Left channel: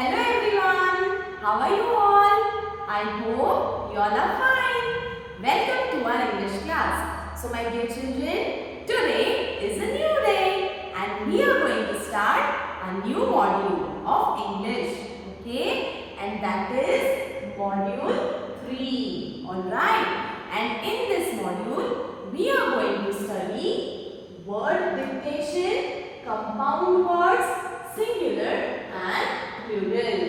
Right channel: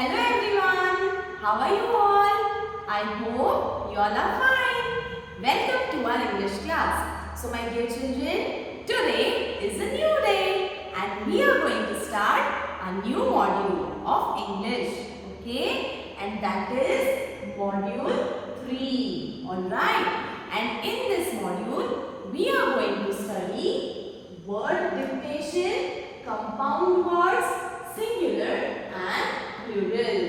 Hello everyone, how are you all? I hope you all are fine. Welcome to our English class. So my dear children, today is a new day and we are going to start a new module of English. Okay, and that is module 3. Alright, and in this module we are going to study word dictation, compound words, singular and plural.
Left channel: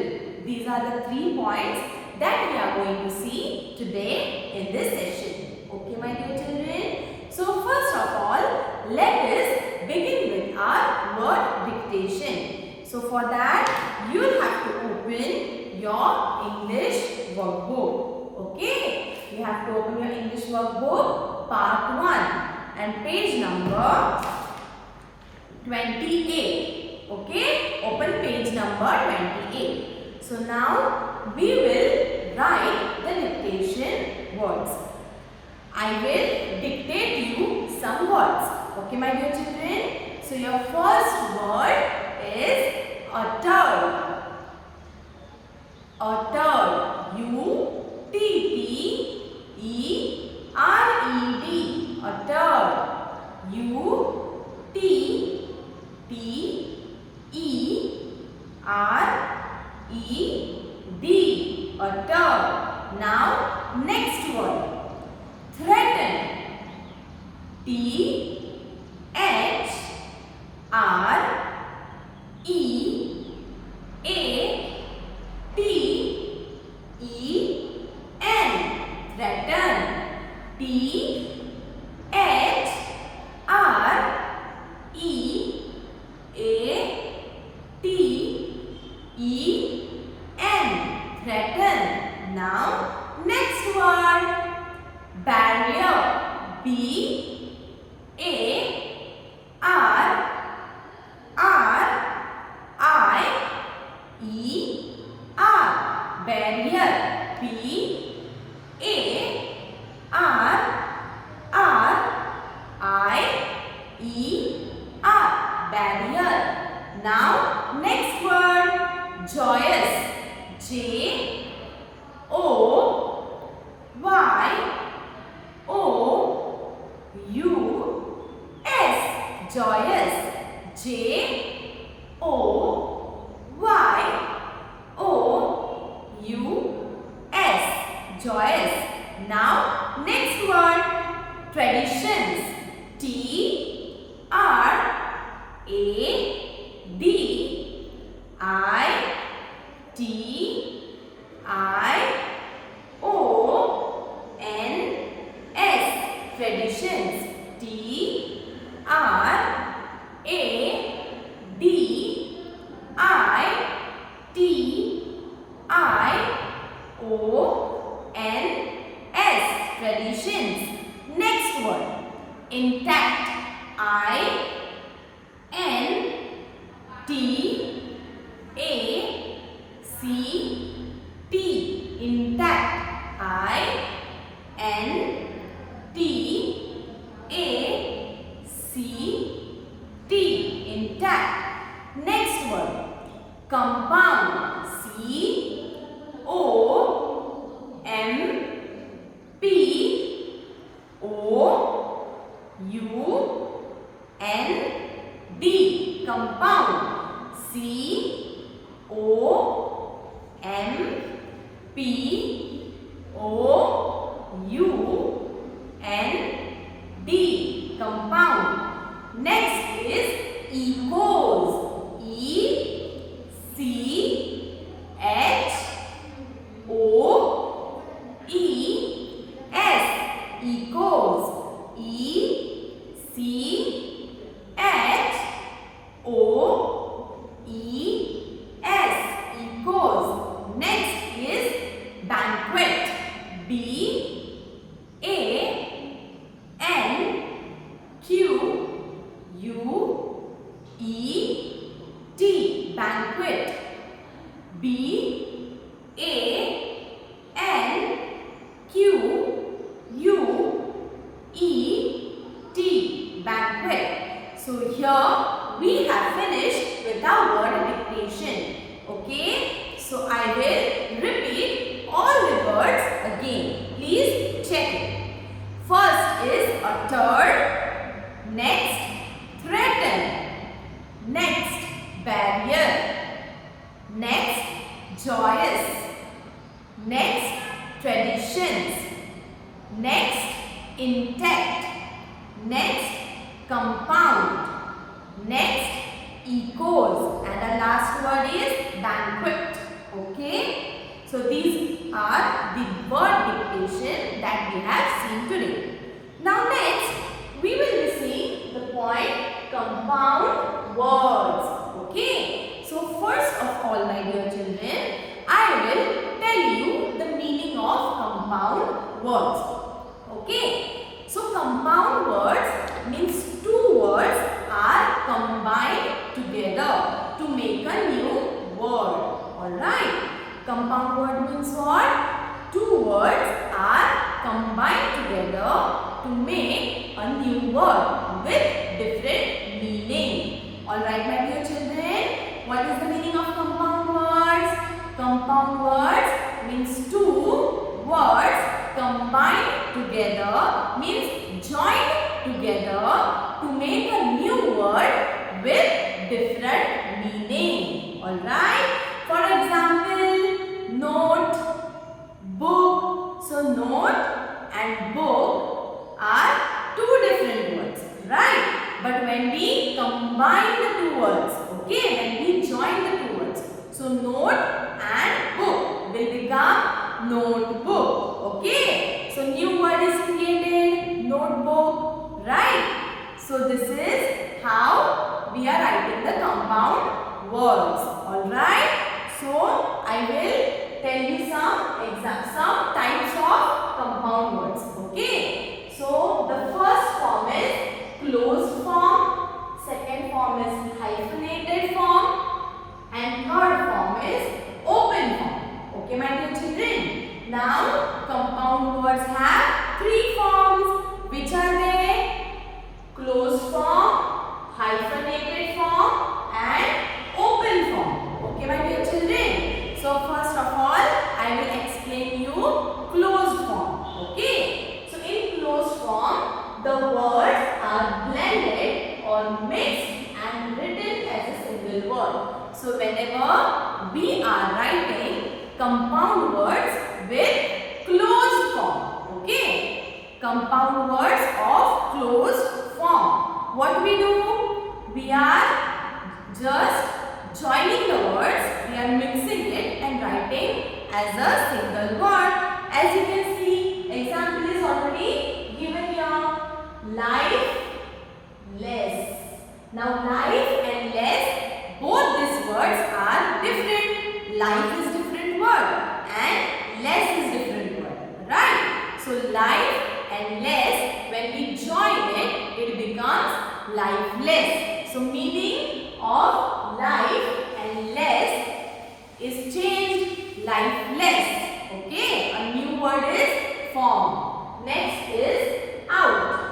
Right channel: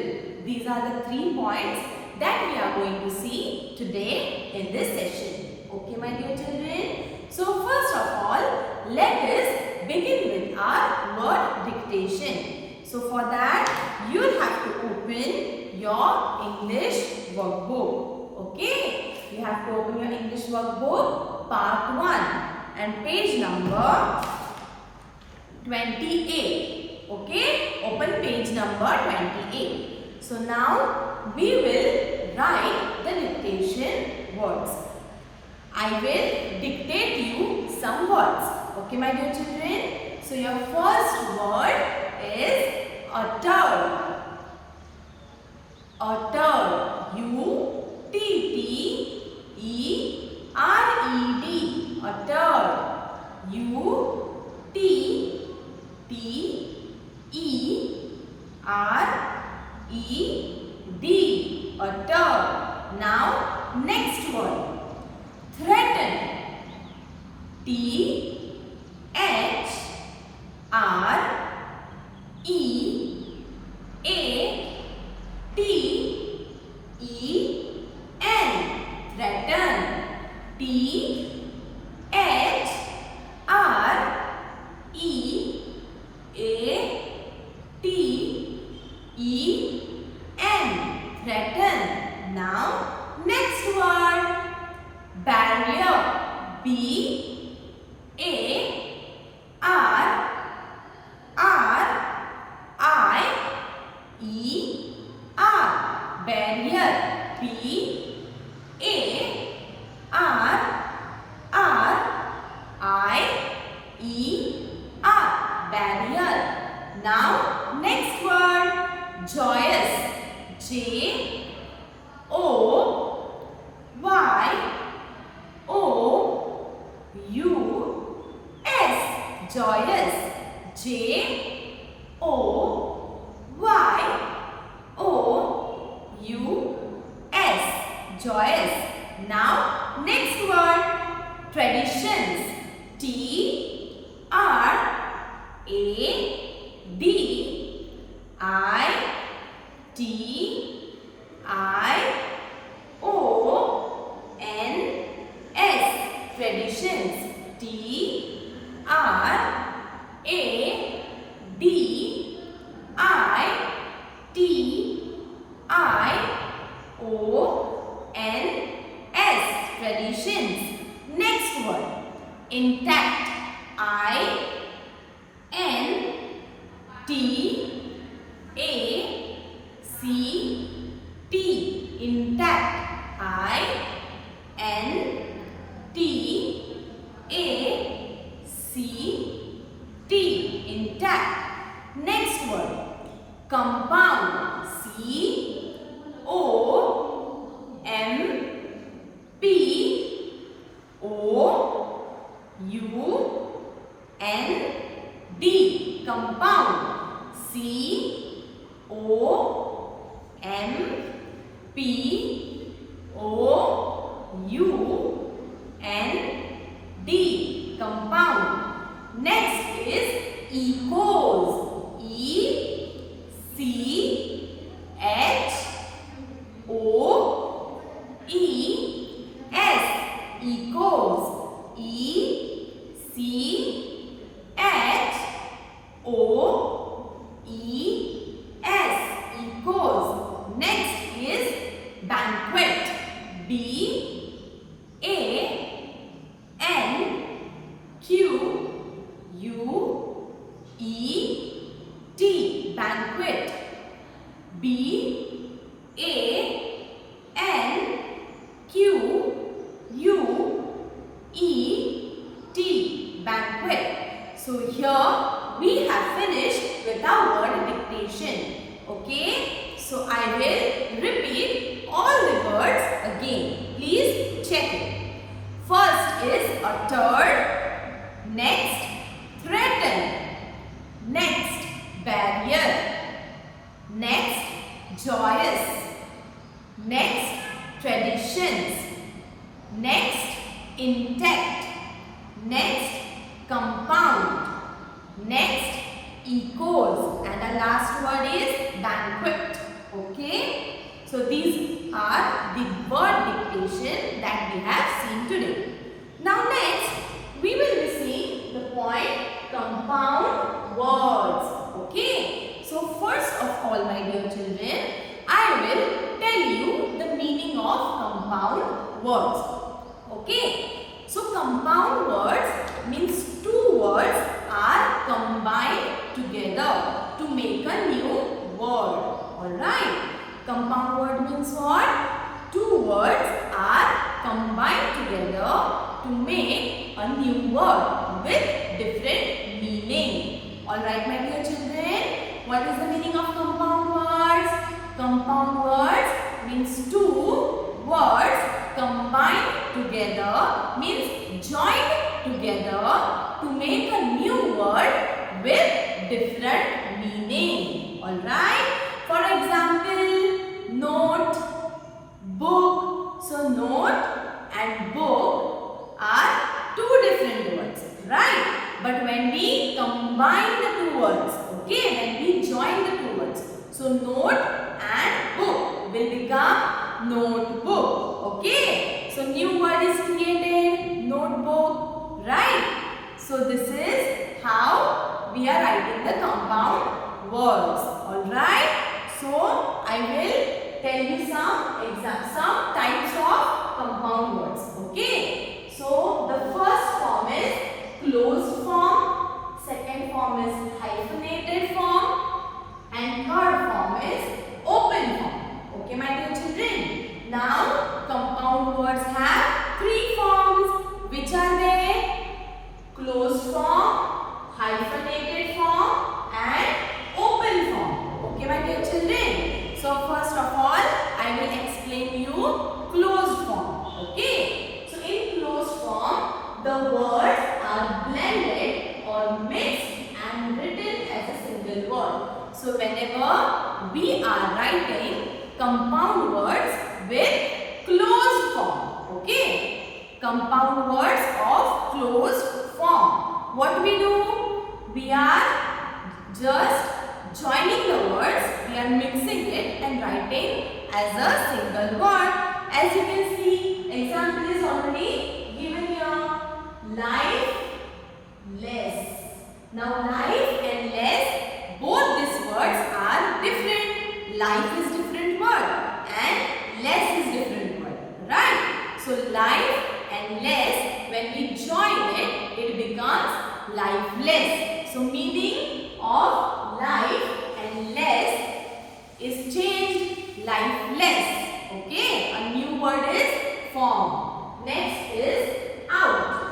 These are the 3 points that we are going to see today in this session. Okay, my dear children. So first of all, let us begin with our word dictation. So for that, you will have to open your English workbook. Okay, you have to open your English workbook part 1 and page number 28. Okay, open page number 28. So now we will write the dictation words. I will dictate you some words. Okay, my dear children. So your first word is uttered. Uttered. U-T-T-E-R-E-D. Uttered. U-T-T-E-R-E-D. Uttered. Now, next word. Threaten. T-H-R-E-A-T-E-N. Threaten. T-H-R-E-A-T-E-N. Threaten. Now, next word. Barrier. B-A-R-R-I-E-R. Barrier. B-A-R-R-I-E-R. Barrier. Now, next word. Joyous. J-O-Y-O-U-S. Joyous. J-O-Y-O-U-S. Joyous. Now, next word. Traditions. T-R-A-D-I-T-I-O-N-S. Traditions. T-R-A-D-I-T-I-O-N-S. Traditions. Next word. Intact. I-N-T-A-C-T. Intact. I-N-T-A-C-T. Intact. Next word. Compound. C-O-M-P-O-U-N-D. Compound. C-O-M-P-O-U-N-D. Compound. Next is echoes. E-C-H-O-E-S. Echoes. E-C-H-O-E-S. Echoes. Next is banquet. B-A-N-Q-U-E-T. Banquet. B-A-N-Q-U-E-T. Banquet. So here we have finished with our word dictation. Okay. I will repeat all the words again. Please check it. First is a turd, next threaten, next barrier, next joyous, next traditions, next intact, next compound, next echoes, and the last word is banquet. Okay, so these are the word dictation that we have seen today. Now next we will be seeing the point compound words. Okay, so first of all, my dear children, I will tell you the meaning of compound words. Okay, so compound words means two words are combined together to make a new word. Alright, compound word means what? Two words are combined together to make a new word with different meaning. Alright, my dear children, what is the meaning of compound words? Compound words means two words combined together, means joined together to make a new word with different meaning. Alright, for example, note, book. So note and book are two different words, right? But when we combine the two words, okay, when we join the two words, so note and book will become notebook. Okay, so new word is created, notebook, right? So this is how we are writing the compound words. Alright, so I will tell you some types of compound words. Okay, so the first form is closed form, second form is hyphenated form, and third form is open form. Okay, my dear children. Now, compound words have three forms. Which are they? Closed form, hyphenated form, and open form. Okay, my dear children. So, first of all, I will explain you closed form. Okay. So, in closed form, the words are blended or mixed and written as a single word. So, whenever we are writing compound words with closed form, okay, compound words of closed form, what we do? We are just joining the words, we are mixing it and writing as a single word. As you can see, example is already given here. Life, less. Now, life and less, both these words are different. Life is different word and less is different word, right? So, life and less, when we join it, it becomes lifeless. So, meaning of life and less is changed, lifeless. Okay, a new word is formed. Next is out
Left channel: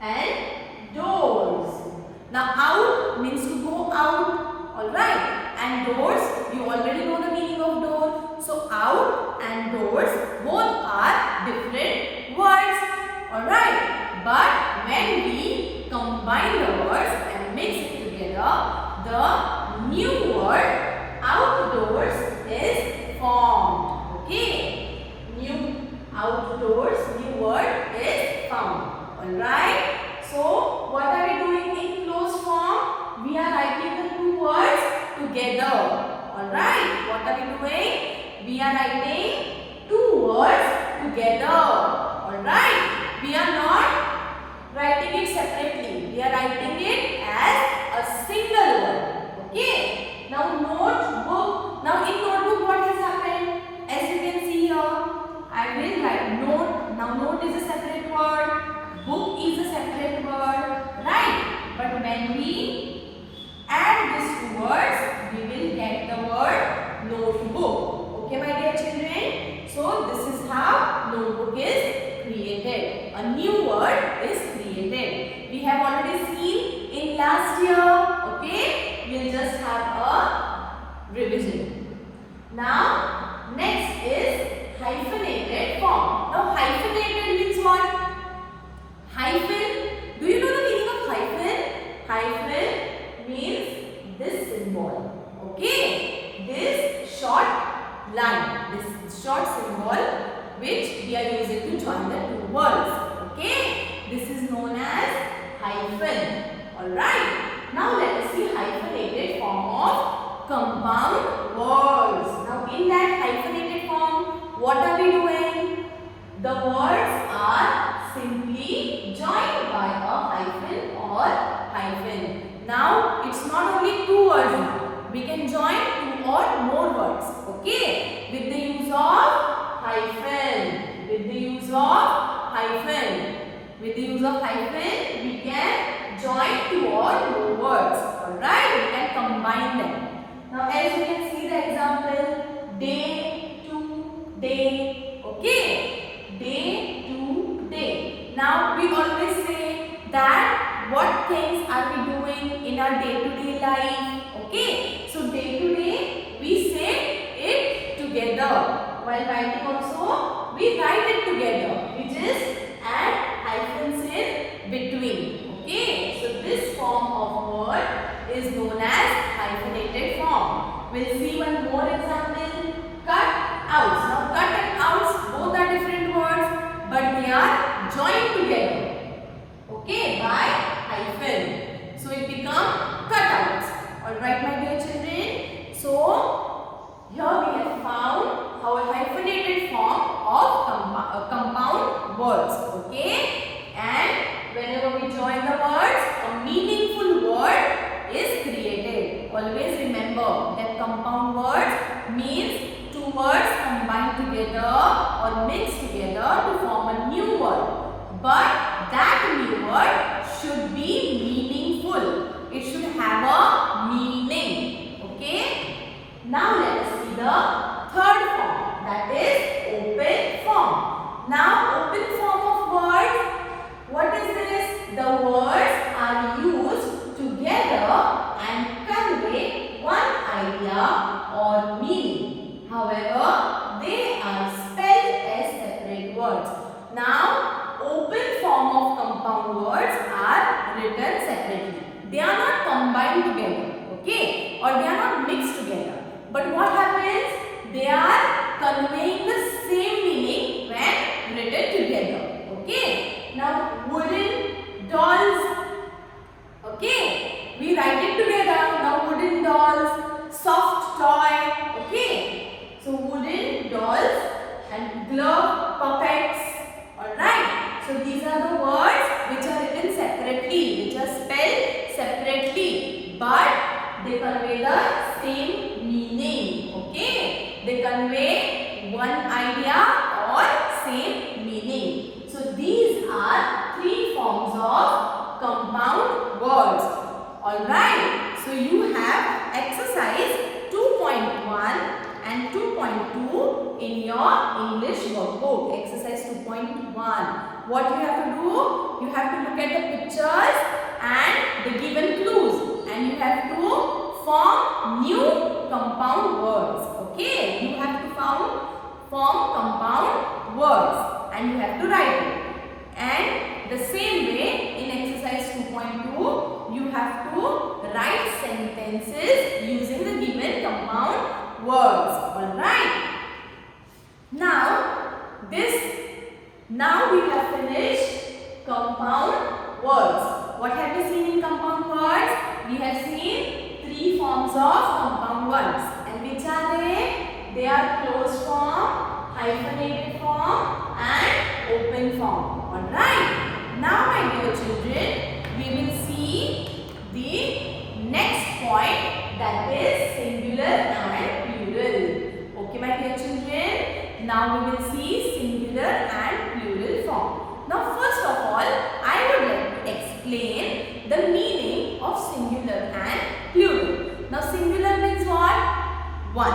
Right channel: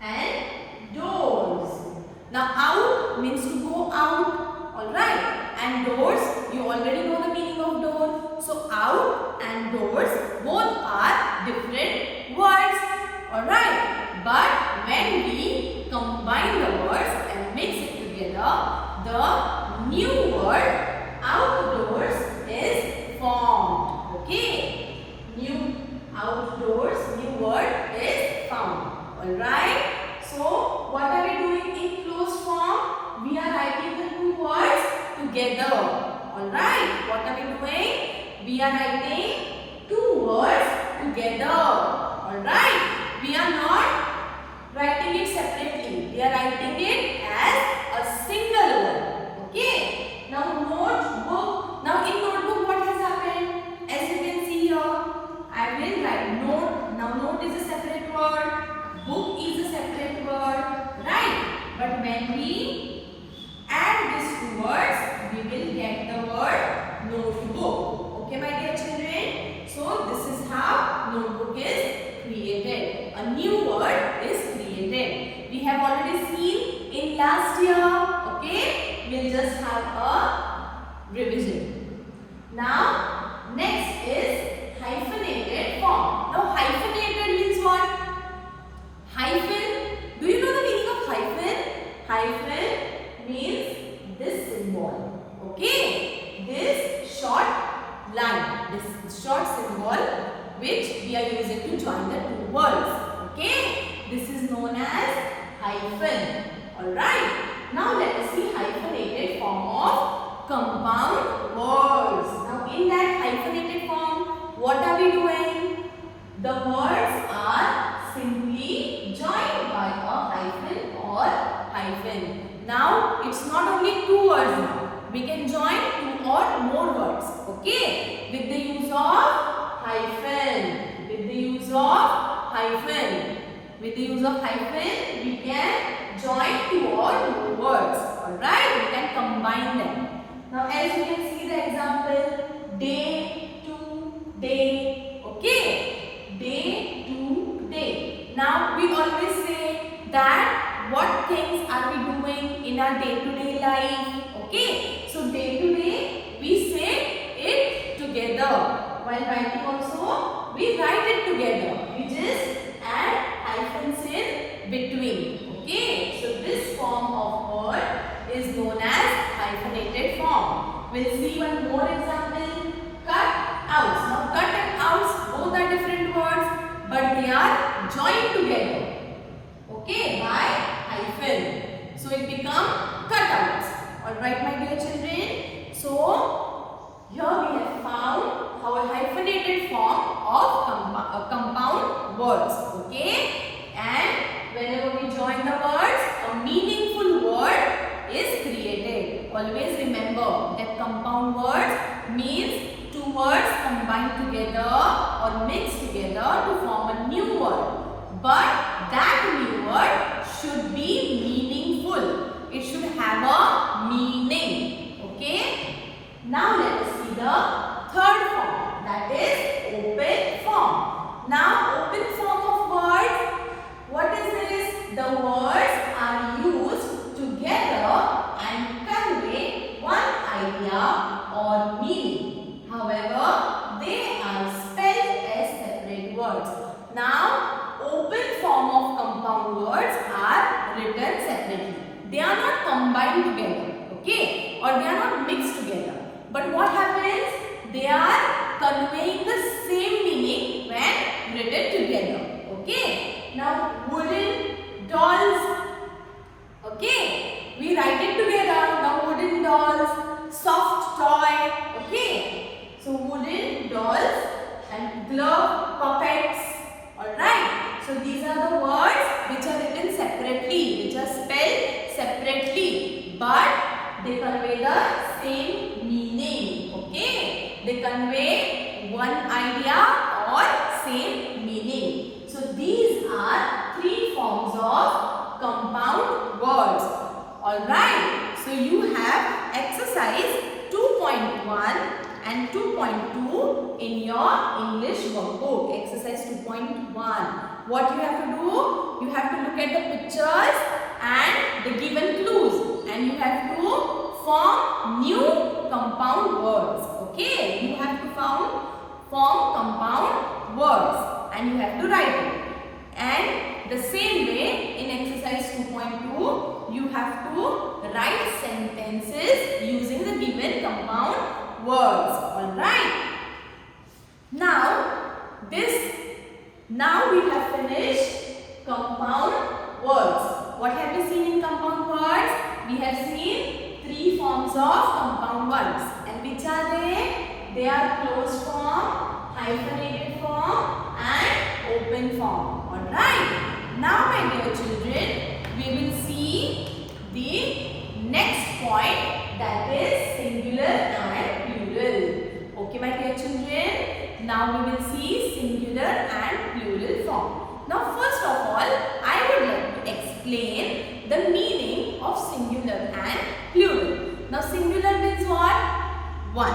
and doors. Now, out means to go out, alright, and doors, you already know the meaning of door. So, out and doors both are different words, alright, but when we combine the words and mix it together, the new word outdoors is formed. Okay, new outdoors, new word is found. Alright, so what are we doing in closed form? We are writing the two words together. Alright, what are we doing? We are writing two words together. Alright, we are not writing it separately. We are writing it as a single word. Okay. Now notebook. Now in notebook what has happened? As you can see here, I will write note. Now note is a separate word. Book is a separate word. Right. But when we add these two words, we will get the word notebook. Okay, my dear children. So this is how notebook is created. A new word is created. We have already seen in last year. Okay, we'll just have a revision. Now, next is hyphenated form. Now, hyphenated means what? Hyphen. Do you know the meaning of hyphen? Hyphen means this symbol. Okay? This short line. This short symbol which we are using to join the two words. Okay? This is known as hyphen. Alright. Now, let us see hyphenated form of compound words. Now, in that hyphenated form, what are we doing? The words are simply joined by a hyphen or hyphen. Now, it's not only two words now. We can join two or more words. Okay? With the use of hyphen. With the use of hyphen. With the use of hyphen, we can join two or more words. Alright? We can combine them. Now, as you can see the example, day to day. Okay? Day to day. Now, we always say that what things are we doing in our day-to-day life. Okay? So, day to day, we say it together. While writing also, we write it together. We just add hyphens in between. Okay? So, this form of word is known as hyphenated form. We'll see one more example. Cut outs. Now, cut and outs both are different words, but they are joined together. Okay, by hyphen. So, it becomes cutouts. Alright, my dear children. So, here we have found our hyphenated form of compound words. Okay, and whenever we join the words, a meaningful word is created. Always remember that compound words means two words combined together or mixed together to form a new word. But that new word should be meaningful. It should have a meaning. Okay? Now let us see the third form, that is open form. Now open form of words, what is this? The words are used together and convey one idea or meaning. However, they are spelled as separate words. Now, open form of compound words are written separately. They are not combined together, okay, or they are not mixed together. But what happens? They are conveying the same meaning when written together, okay. Now, wooden dolls, okay, we write it together. Now, wooden dolls, soft toy, okay. So, wooden dolls and glove puppets, alright. So, these are the words which are written separately, which are spelled separately, but they convey the same meaning, okay. They convey one idea or same meaning. So, these are three forms of compound words. Alright. So, you have exercise 2.1 and 2.2 in your English workbook. Exercise 2.1. What you have to do? You have to look at the pictures and the given clues, and you have to form new compound words. Okay, you have to form compound words and you have to write it. And the same way in exercise 2.2, you have to write sentences using the given compound words. Alright. Now we have finished compound words. What have we seen in compound words? We have seen three forms of compound words. And which are they? They are closed form, hyphenated form and open form. Alright. Now my dear children, we will see the next point, that is singular and plural. Okay my dear children. Now we will see singular and plural form. Now first of all, I would like to explain the meaning of singular and plural. Now singular means what? One.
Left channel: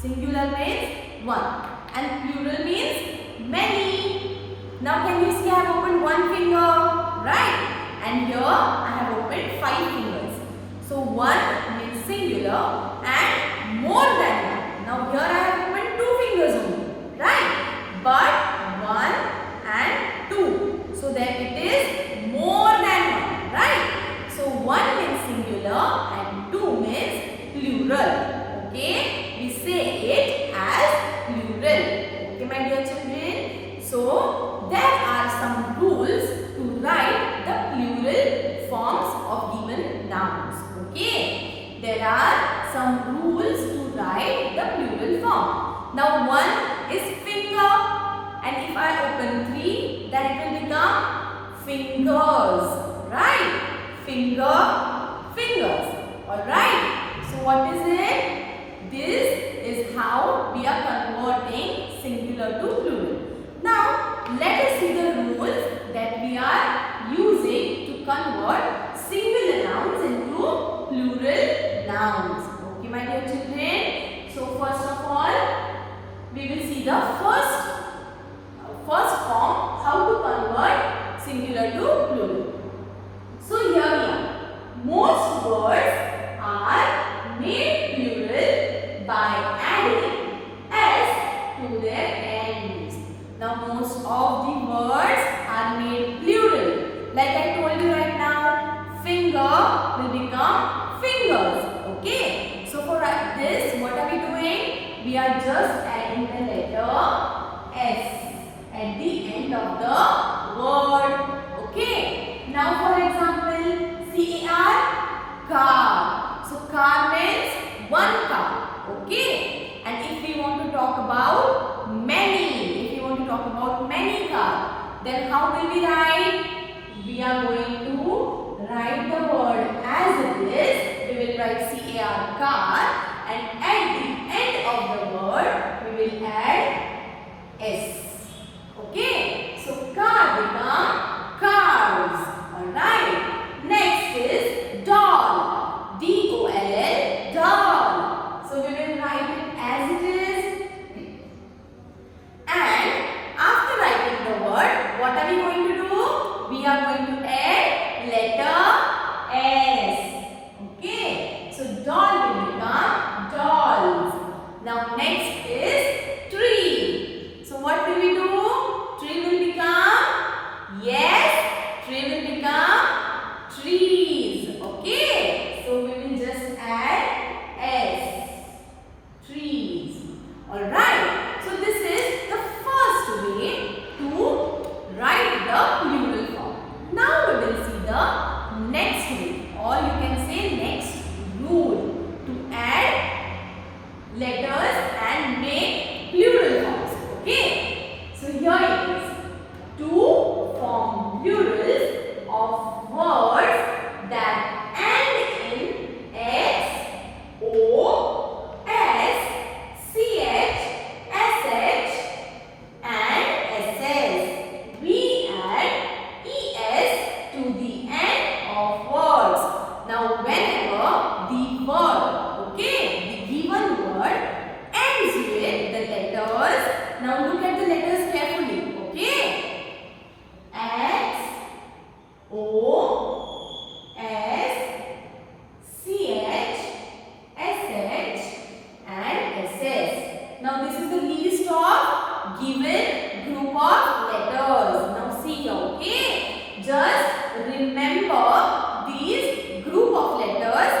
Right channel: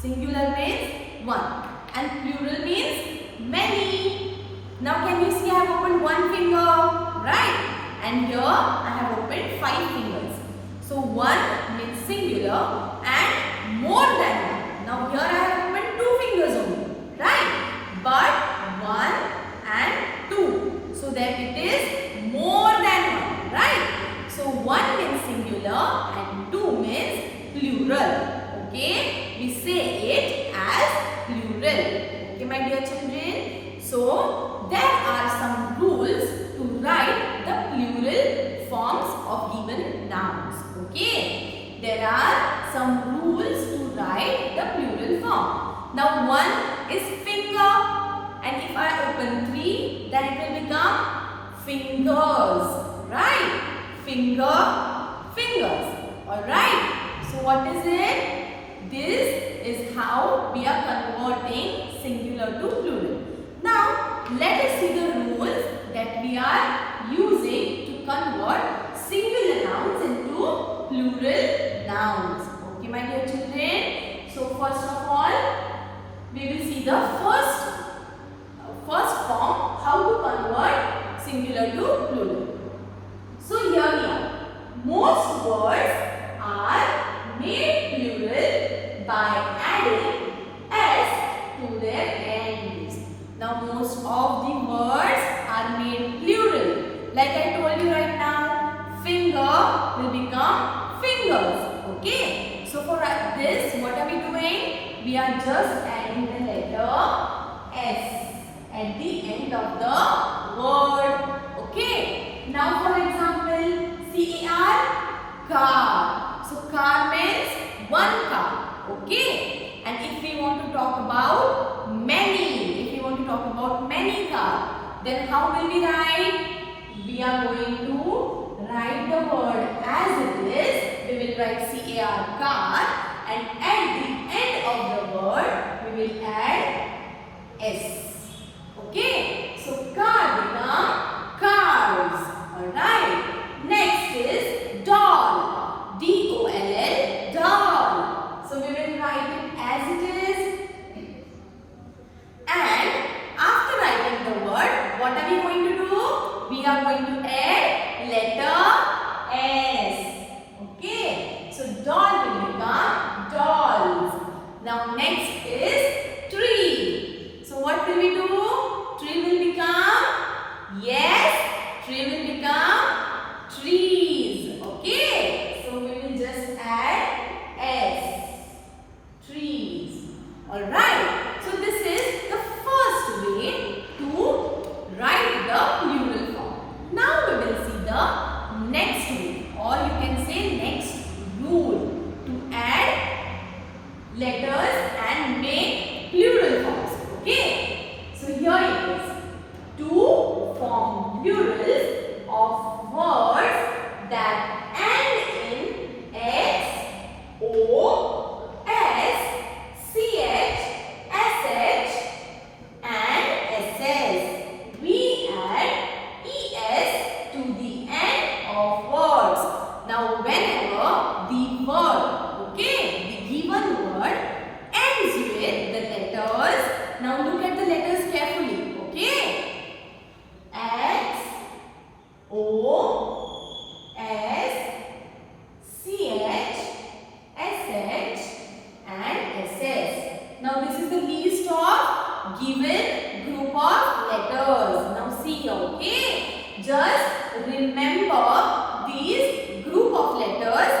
Singular means one. And plural means many. Now can you see I have opened one finger, right? And here I have opened 5 fingers. So one means singular and more than one. Now here singular and two means plural. Okay, we say it as plural. Okay, my dear children. So there are some rules to write the plural forms of given nouns. Okay, there are some rules to write the plural form. Now one is finger, and if I open 3, then it will become fingers. Right? Finger, fingers. Alright. So what is it? This is how we are converting singular to plural. Now let us see the rules that we are using to convert singular nouns into plural nouns. Okay, my dear children. So first of all, we will see the first form, how to convert singular to plural. So here we are. Most words are made plural by adding s to their ends. Now most of the words are made plural. Like I told you right now, finger will become fingers. Okay. So for this, what are we doing? We are just adding the letter s at the end of the word. Okay. Now for example, car, car. So car means one car. Okay. And if we want to talk about many, cars, then how will we write? We are going to write the word as it is. We will write car, and at the end of the word we will add s. Okay, so car become cars. Alright. Next is doll. D-O-L-L, doll. So we will write it as it is. And after writing the word, what are we going to do? We are going to add letter S. Okay. So doll will become dolls. Now next is tree. So what will we do? Tree will become, yes, tree will become trees. Okay. So we will just add S. Trees. Alright. So this is the first way to write the plural form. Now we will see the next way, or you can say next rule to add letters and make plural forms. Okay. So here it is. To form plurals of words that end in x, o, s, ch, sh and ss. We add es to the end of words. Now whenever the word, okay, the given word ends with the letters. Now look at the letters carefully. Okay. X, O, S, CH, SH and SS. Now this is the list of given group of letters. Now see here, okay? Just remember these group of letters.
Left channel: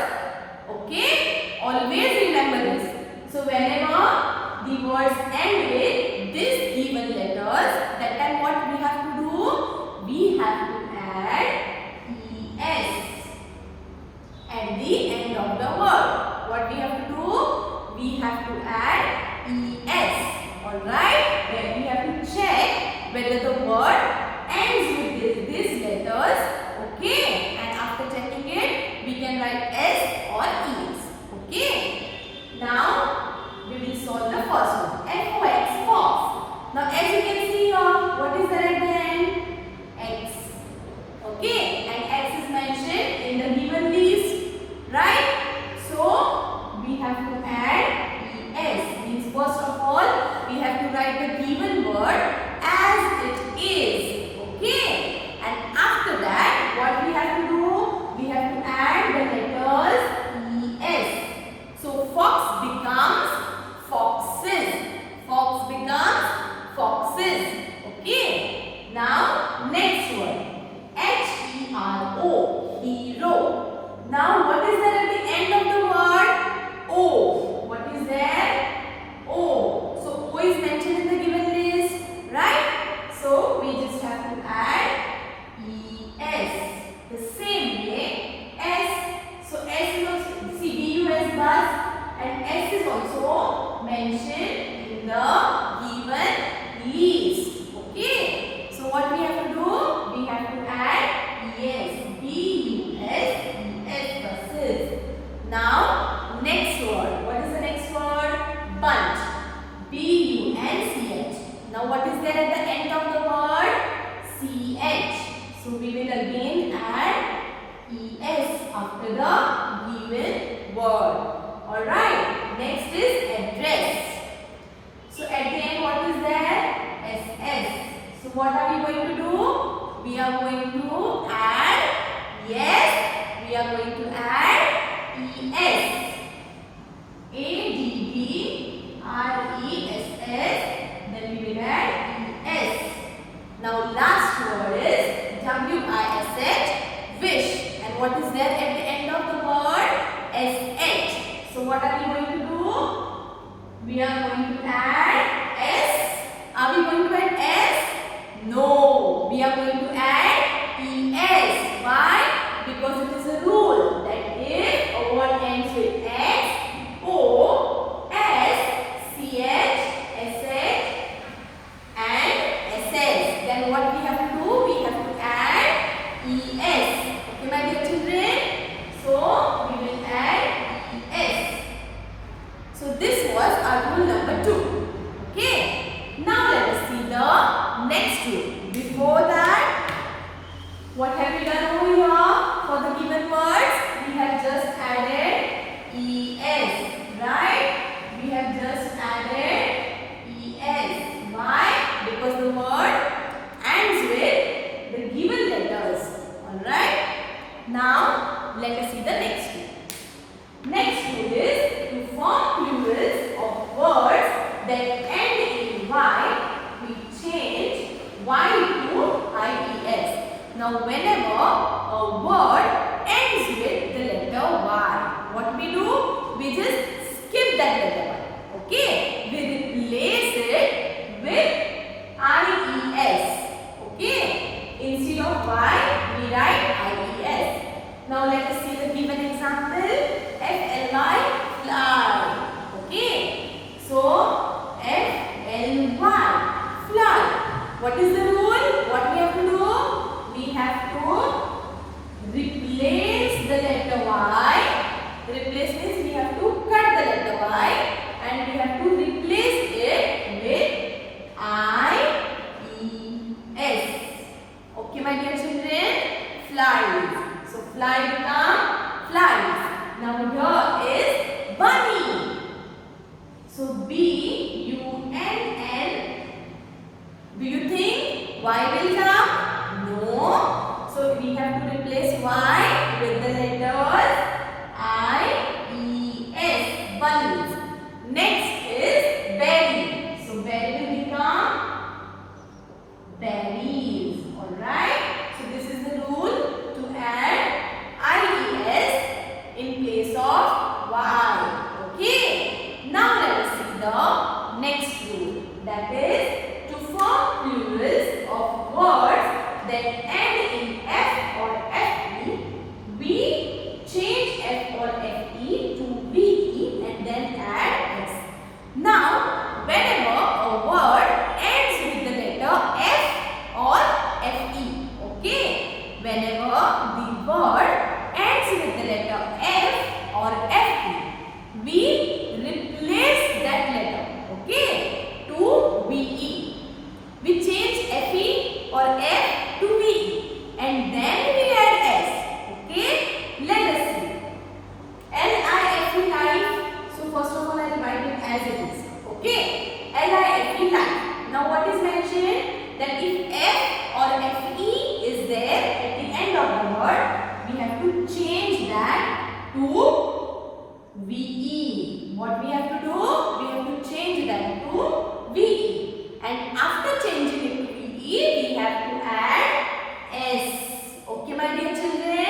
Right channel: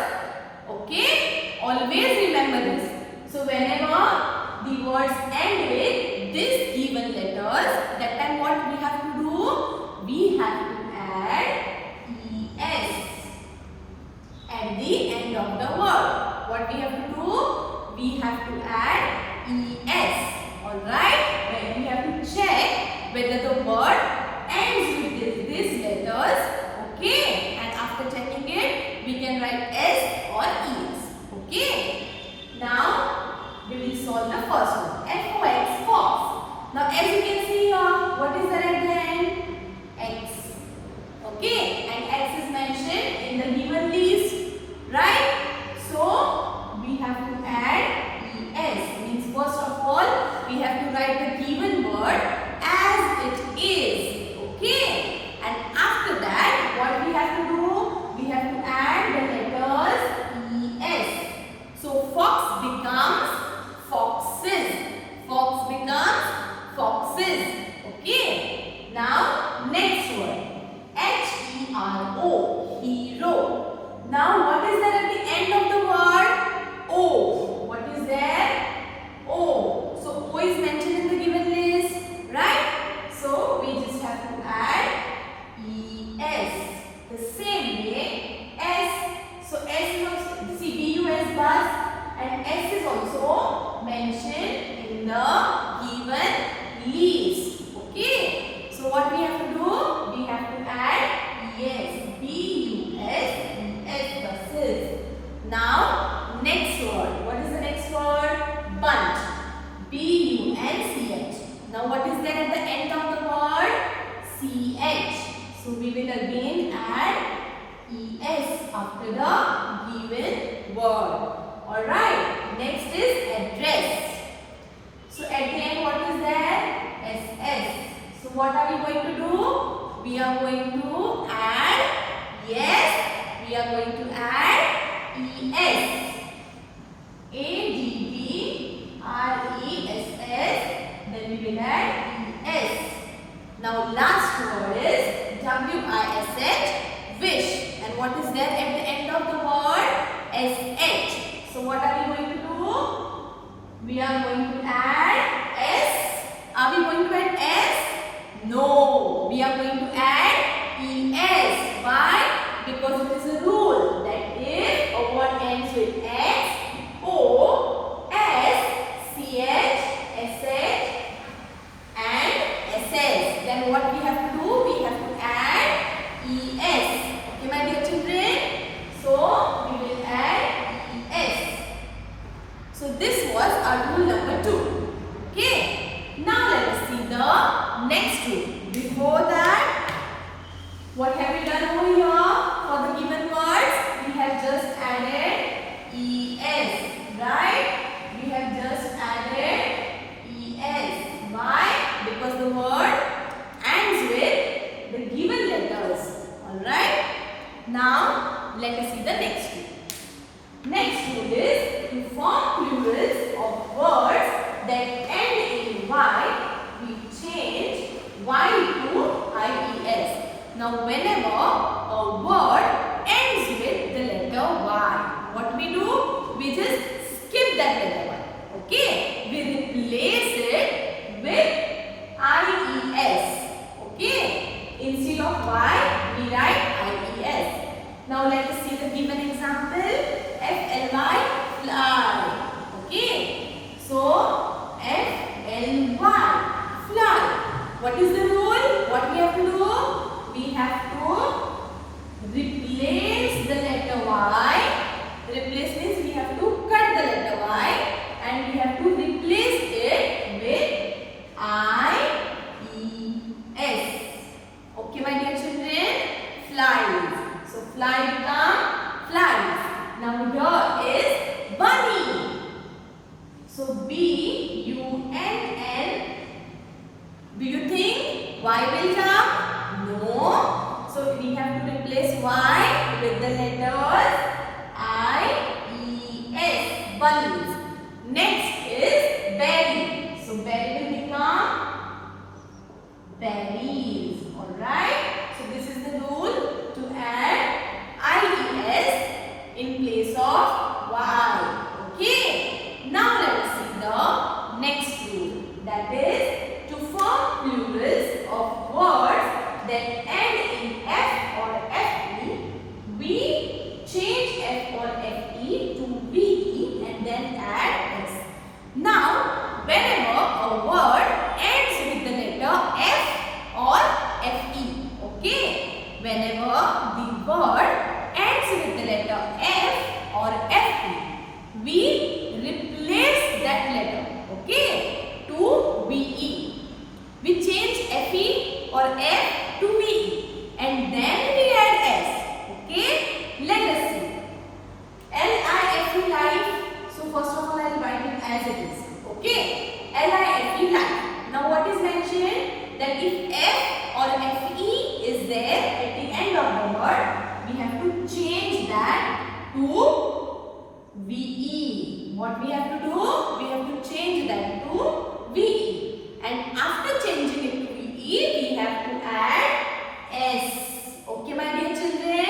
Okay? Always remember this. So whenever the words end with this given letters, that time what we have to do? We have to add es at the end of the word. What we have to do? We have to add es. Alright? Then we have to check whether the word ends with these letters. Okay? And after checking it, we can write s or es. Okay? Now we will solve the first one. F-O-X, fox. Now as you can see here, what is there at the end? X. Okay, and X is mentioned in the given list, right? So we have to add es. Means first of all, we have to write the given word as it is. Okay, and after that, what we have to do? We have to add the letters es. So fox becomes foxes. Fox becomes foxes. Okay. Now next word. H-E-R-O. Hero. Now what is the also mentioned in the given list. Okay. So what we have to do? We have to add es. B-U-S-E-S buses. Now next word. What is the next word? Bunch. B-U-N-C-H. Now what is there at the end of the word? C-H. So we will again add es after the given word. Alright. Next is address. So at the end what is there? SS. So what are we going to do? We are going to add yes. We are going to add es. A-D-D-R-E-S-S. Then we will add es. Now last word is W-I-S-H. Wish. And what is there at the end of the word? S-H. So what are we going to do? We are going to add S. Are we going to add S? No. We are going to add ES. Why? Because it is a rule that if a word ends with X, O, S, CH, SH and SS, then what we have to do? We have to add ES. Okay, my dear children? So we will add ES. So this was our rule number 2. Okay. Now let us see the next rule. Before that, what have we done over here? For the given words, we have just added ES, right? We have just added ES. Why? Because the word ends with the given letters. Alright? Now, let us see the next rule. Next rule is to form plurals of words that end in Y, we change Y to IES. Now, whenever a word ends with the letter Y, what we do? We just skip that letter Y. Okay? We replace it with IES. Okay? Instead of Y, we write IES. Now, let us see the given example. F-L-Y, fly. Okay? So, F-L-Y, fly. What is the rule? What we have to do? We have to replace the letter Y. Replace means we have to cut the letter Y and we have to replace it with I-E-S. Okay, my dear children? Flies. So, fly become flies. Now, here is bunny. So, B-U-N-N. Do you think Y will come? No. So we have to replace Y with the letters I-E-S. Bunnies. Next is berry. So berry will become berries. Alright. So this is the rule to add I-E-S in place of Y. Okay. Now let us see the next rule. That is to form plurals of words that end in F or FE, we change F or FE to VE and then add S. Now, whenever a word ends with the letter F or FE, okay? Whenever the word ends with the letter F or FE, we replace that letter, okay, to VE. We change FE or F to VE and then we add S. Okay? Let us see. L-I-F-E life. So first of all I will write it as it is. Okay? L-I-F-E life. Now what is mentioned? That if F or FE is there at the end of the word, we have to change that to VE. What we have to do? We have to change that to VE. And after changing it to VE, we have to add S. Okay, my dear children?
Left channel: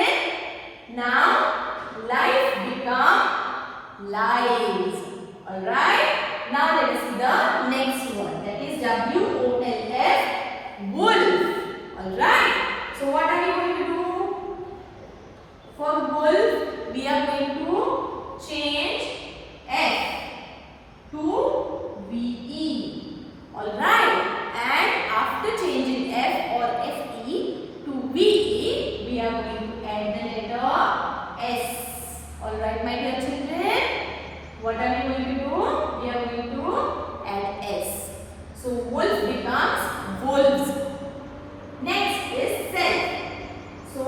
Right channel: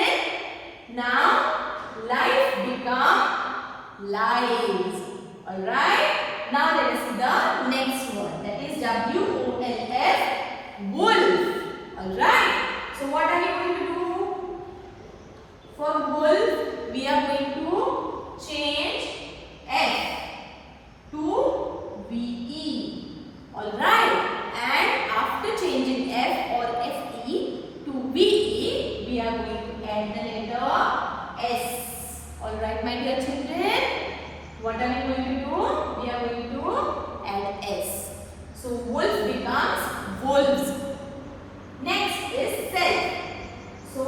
Now, life become lives. Alright? Now, let us see the next one. That is W-O-L-F, wolf. Alright? So, what are we going to do? For wolf, we are going to change F. Alright, my dear children, what are we going to do? We are going to add S. So wolf becomes wolves. Next is self. So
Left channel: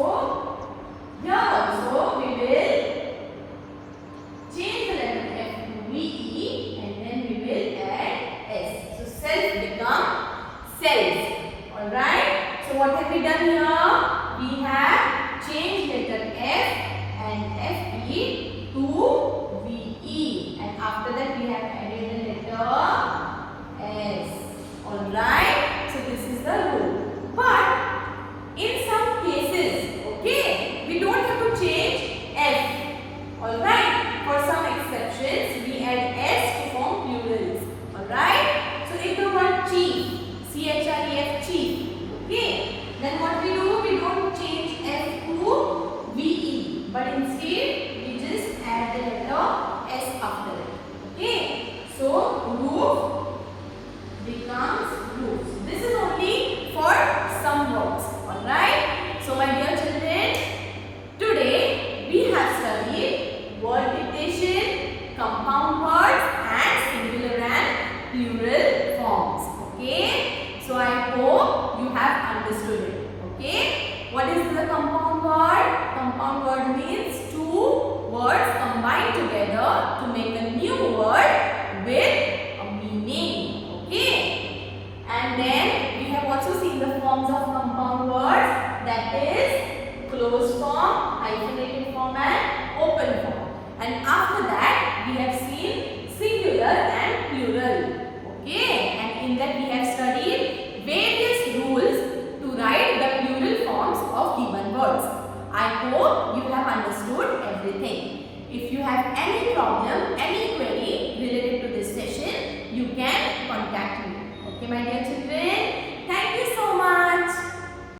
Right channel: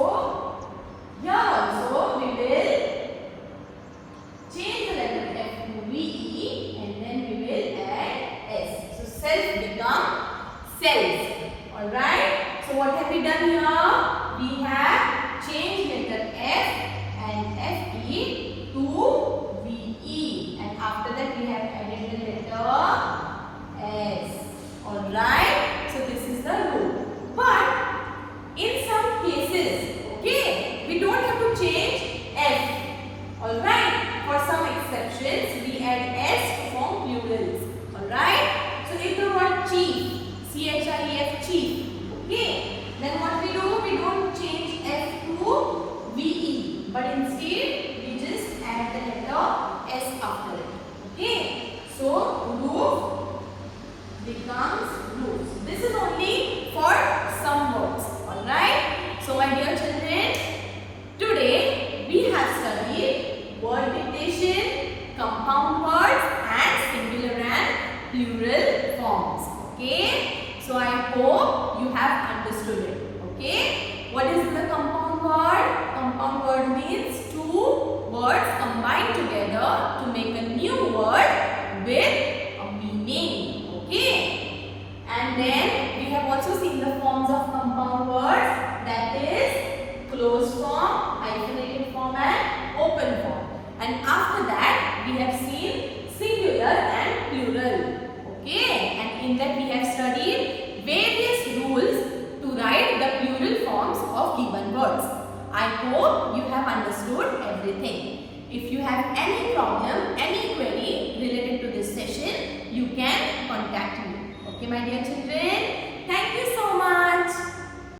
here also we will change the letter F to VE and then we will add S. So self becomes self. Alright. So what have we done here? We have changed letter F and FE to VE, and after that we have added the letter S. Alright, so this is the rule. But in some cases, okay, we don't have to change F. Alright, for some exceptions, we add S to form plurals. Alright, so if the word chief, CHIEF, chief, okay, then what we do? We don't change F to VE, but instead we just add the letter S after it. Okay, so roof becomes roofs. This is only for some words. Alright, so my dear children, today we have studied word dictation, compound words and singular and plural forms. Okay, so I hope you have understood it. Okay, what is the compound word? Compound word means two words combined together to make a new word with a meaning. Okay, and then we have also seen the forms of compound words, that is closed form, hyphenated form and open form. And after that we have seen singular and plural. Okay, and in that we have studied various rules to write the plural forms of given words. I hope you have understood everything. If you have any problem, any query related to this session, you can contact me. Okay, my dear children, thank you so much.